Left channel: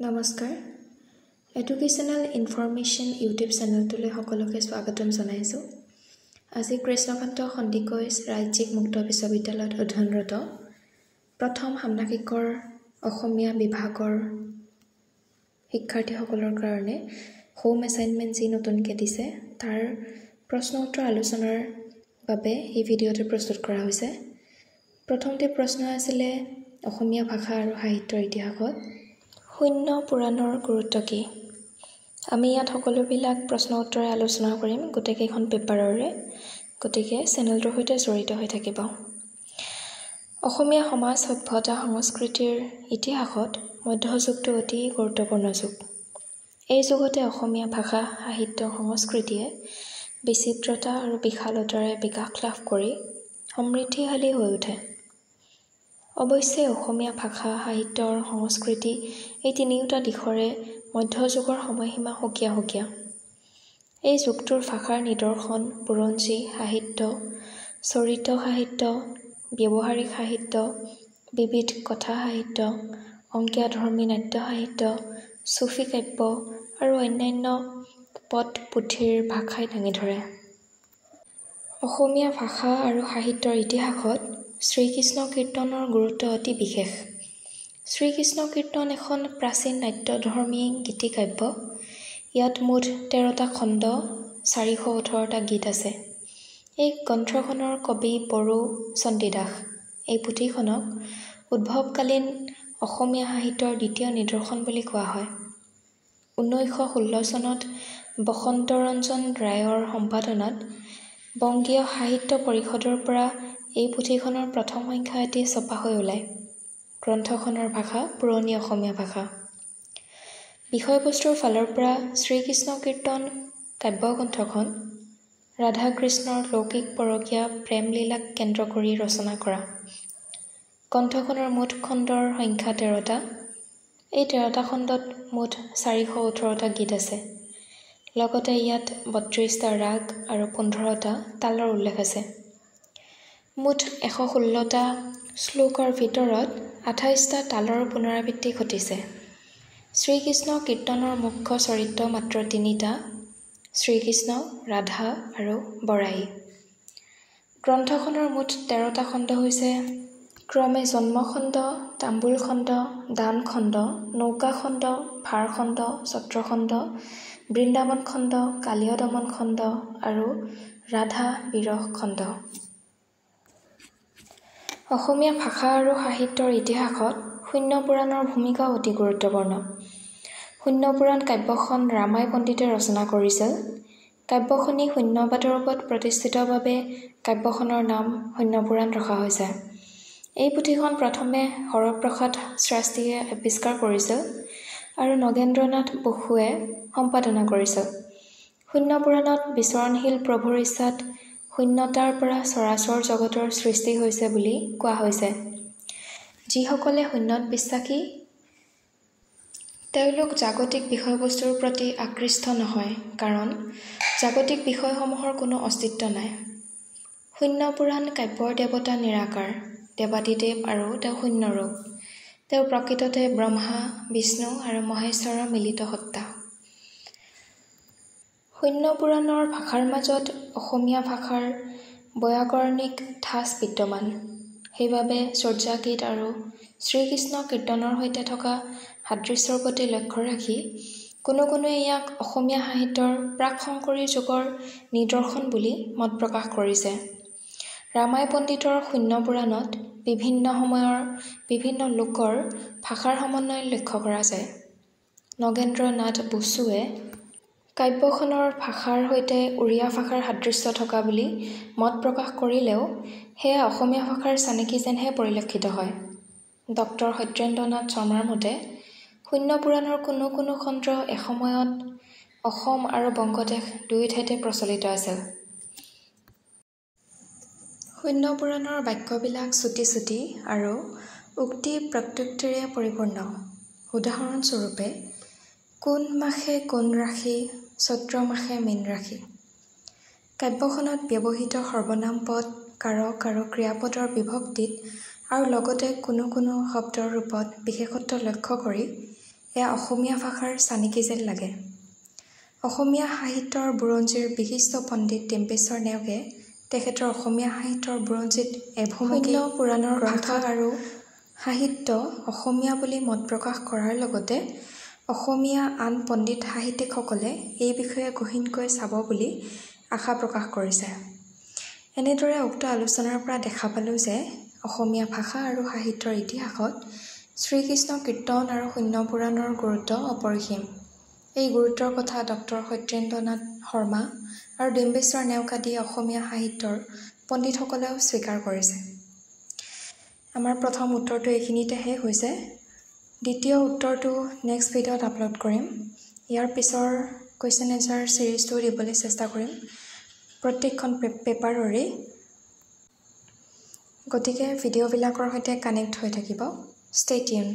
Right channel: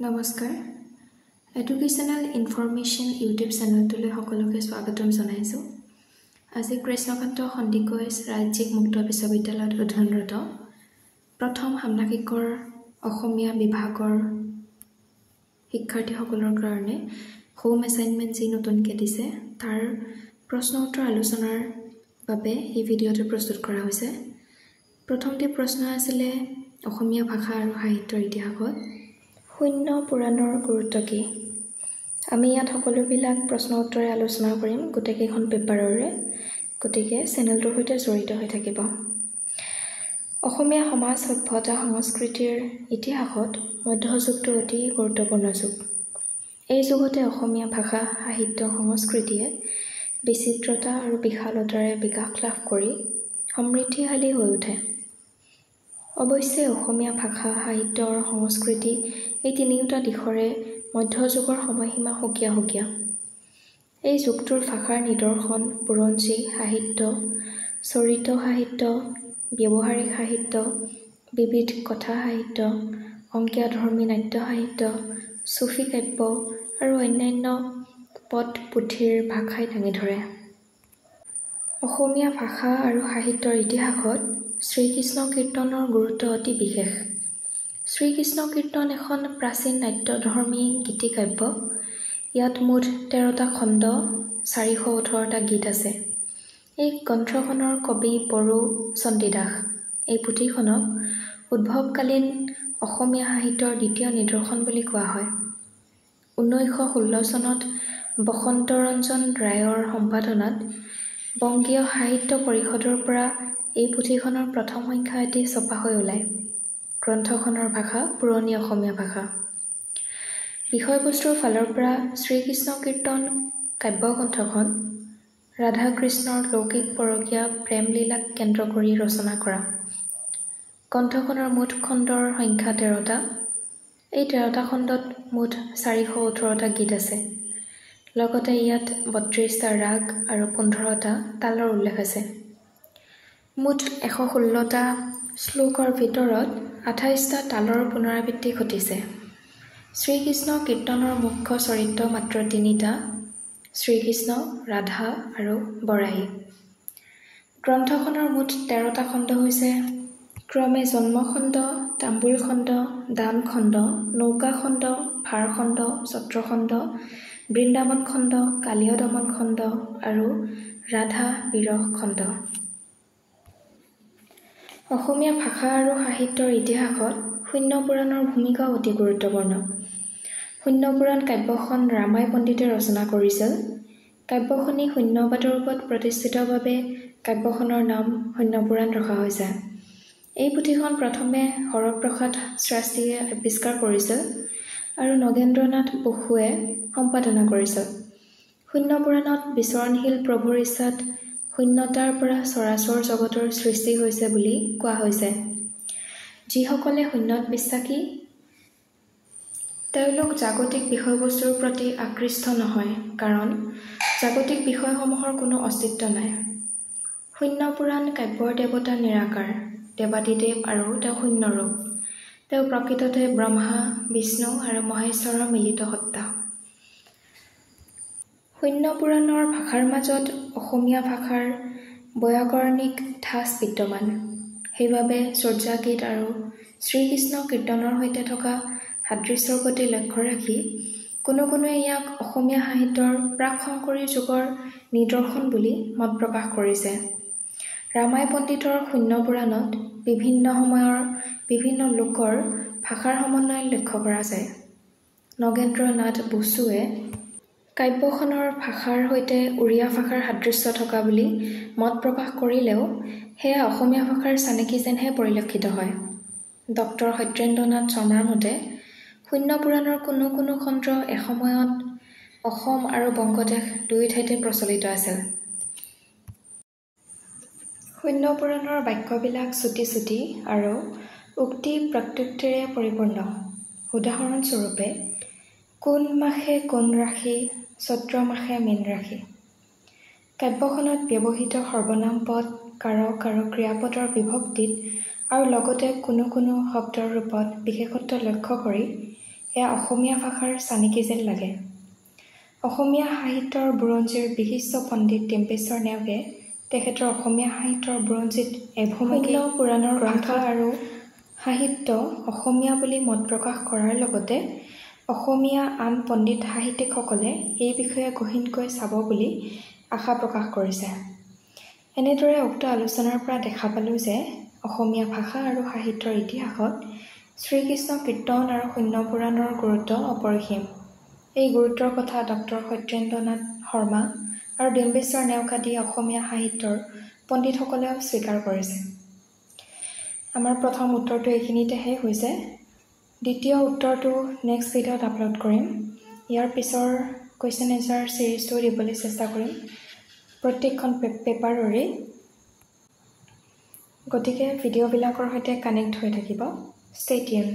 নমস্কাৰ educational information YouTube চেনেলটোলৈ সকলোকে স্বাগতম জনাইছোঁ। আজি কৃষ্ণকান্ত সন্দিকৈ ৰাজ্যিক মুক্ত বিশ্ববিদ্যালয়ত অধ্যয়নৰত প্ৰথম ষাণ্মাসিকৰ অসমীয়া বিভাগৰ শিক্ষাৰ্থীসকলৰ কাৰণে হোম এছাইনমেণ্ট যি নতুনকৈ দিছে তাৰ প্ৰশ্ন উত্তৰ আলোচনাৰ বাবে এই ভিডিঅ'টো প্ৰস্তুত কৰা হৈছে। প্ৰথমতে প্ৰশ্ন আছিলে অসমীয়া ভাষা আৰু সাহিত্যৰ ইতিহাসত শূন্য পুৰাণৰ গুৰুত্ব কি? আমি ইয়াত সকলোবিলাক প্ৰশ্ন উত্তৰে আলোচনা কৰিম গোটেইকেইখন পেপাৰৰে, গতিকে চেনেলটোৰ সৈতে জড়িত হৈ থাকিব। অসমীয়া সমাজ সভ্যতা সংস্কৃতিৰ ইতিহাসত মধ্যযুগটো অতি গুৰুত্বপূৰ্ণ যুগ। এই যুগতে অসমীয়া ভাষা সাহিত্য সংস্কৃতিয়ে বিচিত্ৰতা আৰু বিশালতাৰে বিকাশ লাভ কৰি সমৃদ্ধিশালী হৈ উঠে। অৱশ্যে অসমীয়া ভাষা সাহিত্য আৰু সংস্কৃতি এই তিনিওটা দিশৰে মধ্যযুগৰ সময়সীমা সুকীয়া সুকীয়া। এই যুগটোৰ ভাষাৰ নিদৰ্শন বুৰঞ্জী সাহিত্য, চৰিত সাহিত্য, ব্যৱহাৰিক সাহিত্য, বিবিধ কথা সাহিত্য, অংকীয়াধৰ্মী নাট্য সাহিত্য, চুফী কাব্য আৰু অন্যান্য পদ পুথিৰ ভাষাই দাঙি ধৰে। অসমীয়া ভাষা আৰু সাহিত্যৰ ইতিহাসত শ্ৰীকৃষ্ণ কীৰ্তনৰ গুৰুত্ব অতি বিশেষ। শ্ৰীকৃষ্ণ কীৰ্তন এখন প্ৰাচীন নাট্যধৰ্মী গীতিকাব্য। ইয়াত মুঠ 13টা খণ্ড 418টা গীত আছে। এই গ্ৰন্থখনৰ কবি বড়ো চণ্ডীদাস। এই পুথিখনক উদ্ভৱকালীন অসমীয়া সাহিত্যৰ দ্বিতীয় নিদৰ্শন বুলি কোৱা হয়। 1916 চনত বসন্তৰঞ্জন ৰায়ৰ সম্পাদনাত বংগীয় সাহিত্য পৰিষদৰ পৰা এই পুথিখনৰ প্ৰথম সংখ্যা এটি ছপা হৈ ওলায়। গ্ৰন্থখনৰ ভাষা পুৰণি অসমীয়া ভাষা। বিষয়বস্তুৰ ফালৰ পৰা শ্ৰীকৃষ্ণ কীৰ্তন কাব্যগ্ৰন্থখন ৰাধা কৃষ্ণৰ লৌকিক পৰকীয়া প্ৰেমলীলাক কেন্দ্ৰ কৰি ৰচনা কৰা। গ্ৰন্থখনৰ মুঠ খণ্ডৰ সংখ্যা 13টা। এই 13টা খণ্ডত মুঠ 418টা গীত আছে। লগতে ইয়াত 32টা ৰাগ আৰু 15টা তালৰ উল্লেখ আছে। মুঠ 116টা শ্লোকৰ ভিতৰত 28টা তালৰ পুনৰাবৃত্তি ঘটিছে। শ্ৰীকৃষ্ণ কীৰ্তনৰ মুখ্য চৰিত্ৰ মাত্ৰ 3টা: শ্ৰীকৃষ্ণ, ৰাধা আৰু বৰাহী। গ্ৰন্থখনৰ মুঠ 13টা খণ্ড হৈছে ক্ৰমে জন্মখণ্ড, তাম্বুল খণ্ড, দান খণ্ড, নৌকা খণ্ড, ভাৰ খণ্ড, ছত্ৰখণ্ড, বৃন্দাবন খণ্ড, কালীয় দমন খণ্ড আৰু ৰাধা বিৰহ খণ্ড। অসমীয়া ভাষা আৰু সাহিত্যৰ ইতিহাসত শূন্য পুৰাণৰ ভূমিকা অতি গুৰুত্বপূৰ্ণ। শূন্য পুৰাণ কাব্যখন ৰামাই পণ্ডিতে ৰচনা কৰিছিল। কাব্যখনি শূন্যবাদৰ ওপৰত প্ৰতিষ্ঠিতৰ বাবে কাব্যখনৰ নাম শূন্য পুৰাণ ৰখা হৈছে। এই পুথিখন প্ৰথমে হৰপ্ৰসাদ শাস্ত্ৰীয়ে আৱিষ্কাৰ কৰিছিল আৰু নগেন্দ্ৰনাথ বসুৱে সম্পাদনা কৰিছিল। শূন্য পুৰাণত বিচৰণশীল প্ৰভুৰ ইচ্ছাত শূন্যতাৰ পৰা চৰাচৰ জগতৰ সৃষ্টি হৈছে বুলি কোৱা হৈছে। যিসকলে শূন্যত বিশ্বাসী তেওঁলোক জাগতিক বিষয়বস্তুৰ প্ৰতি আকৃষ্ট নহয়, কাৰণ জাগতিক বিষয়সমূহৰ কোনো অস্তিত্ব নাই। শূন্য পুৰাণ কাব্যৰ দেৱতা নিৰাকাৰ, দেৱাদিদেৱ আৰু তেওঁ শূন্যৰূপ। তেওঁ প্ৰকৃততে ব্ৰহ্মা, বিষ্ণু আৰু মহেশ্বৰৰ মিলিত সত্তা। শূন্য পুৰাণৰ ভাষাৰ মাজত অসমীয়া ভাষাৰ বৈয়াকৰণিক ঠাঁচ বিদ্যমান। সেইবাবে চৰ্যাগীত আৰু শ্ৰীকৃষ্ণ কীৰ্তনৰ সৈতে থকা সাদৃশ্যৰ প্ৰতি লক্ষ্য ৰাখি কোনোৱে ইয়াক অসমীয়া সাহিত্যৰ প্ৰাক-শংকৰী যুগৰ নিদৰ্শন বুলি মত প্ৰকাশ কৰিছে। ৰামাই পণ্ডিতৰ শূন্য পুৰাণত বিভিন্ন সময়ৰ বিভিন্ন লোকৰ ভাষাৰ সমন্বয় লক্ষ্য কৰা যায়। নগেন্দ্ৰনাথ বসুৱে কাব্যখনৰ ভাষাৰ সৈতে উড়িয়া ভাষাৰ সাদৃশ্য থকা বুলি মত প্ৰকাশ কৰিলেও সেয়া অসমীয়া ভাষাৰ চানেকি যেনহে পৰিলক্ষিত হয়। ডক্টৰ সত্যেন্দ্ৰনাথ শৰ্মাৰ মতে শূন্য পুৰাণৰ কোনো খণ্ড এসময়ত অসম আৰু বংগদেশ দুয়ো ঠাইতে প্ৰচলিত আছিল। শূন্য পুৰাণৰ বাক্যবিলাক চুটি চুটি আৰু উক্তি প্ৰত্যুক্তিৰে পৰিপূৰ্ণ। উদাহৰণস্বৰূপে কোন মাসে কোন ৰাশি, চৈত্ৰ মাসে মীন ৰাশি। কাব্যখনত ব্যৱহৃত সৰ্বনাম পদ, কাৰক আৰু ক্ৰিয়াপদৰ বিভক্তিত আৰু লগতে কোনো শব্দৰ ৰূপত বিশেষত্ব লক্ষ্য কৰি এয়া অসমীয়া ভাষাৰ চানিকি যেন লাগে। অসমীয়া সাহিত্যৰ বুৰঞ্জীৰ বিশিষ্ট পণ্ডিত ডিম্বেশ্বৰ নেওগে তেখেতৰ অসমীয়া সাহিত্যৰ বুৰঞ্জীত এভূমিকে পুৰাণৰ ভাষা আৰু সাহিত্য অসমীয়া বুলি মত প্ৰকাশ কৰাৰ লগতে অসমীয়া আন পণ্ডিত সাহিত্যিকসকলে এই বিষয়ে গহীনকৈ চাব বুলি আশা প্ৰকাশ কৰিছে। এনেদৰে উক্ত আলোচনাৰ পৰা দেখা পালোঁ যে অসমীয়া ভাষা আৰু সাহিত্যৰ ইতিহাসত শ্ৰীকৃষ্ণ কীৰ্তন আৰু শূন্য পুৰাণৰ গুৰুত্ব অপৰিসীম। এই গুৰুত্বৰ কথা ডক্টৰ সত্যেন্দ্ৰনাথ শৰ্মা আৰু ডিম্বেশ্বৰ নেওগ আদি অসমীয়া সাহিত্যৰ পণ্ডিতসকলেও স্বীকাৰ কৰিছে। আমাৰ প্ৰথম উত্তৰটো এইখিনিতে শেষ হৈছে। দ্বিতীয় উত্তৰটো নেক্সট ভিডিঅ'ত আপলোড কৰিম। ইয়াৰ পিছৰ কুৱেশ্যন এনচাৰ ছিৰিজটো দিবলৈ চেষ্টা কৰিম প্ৰত্যেকখন পেপাৰৰে। গতিকে ভিডিঅ'বিলাকৰ সৈতে কানেক্ট হৈ থাকিব। Stay tune.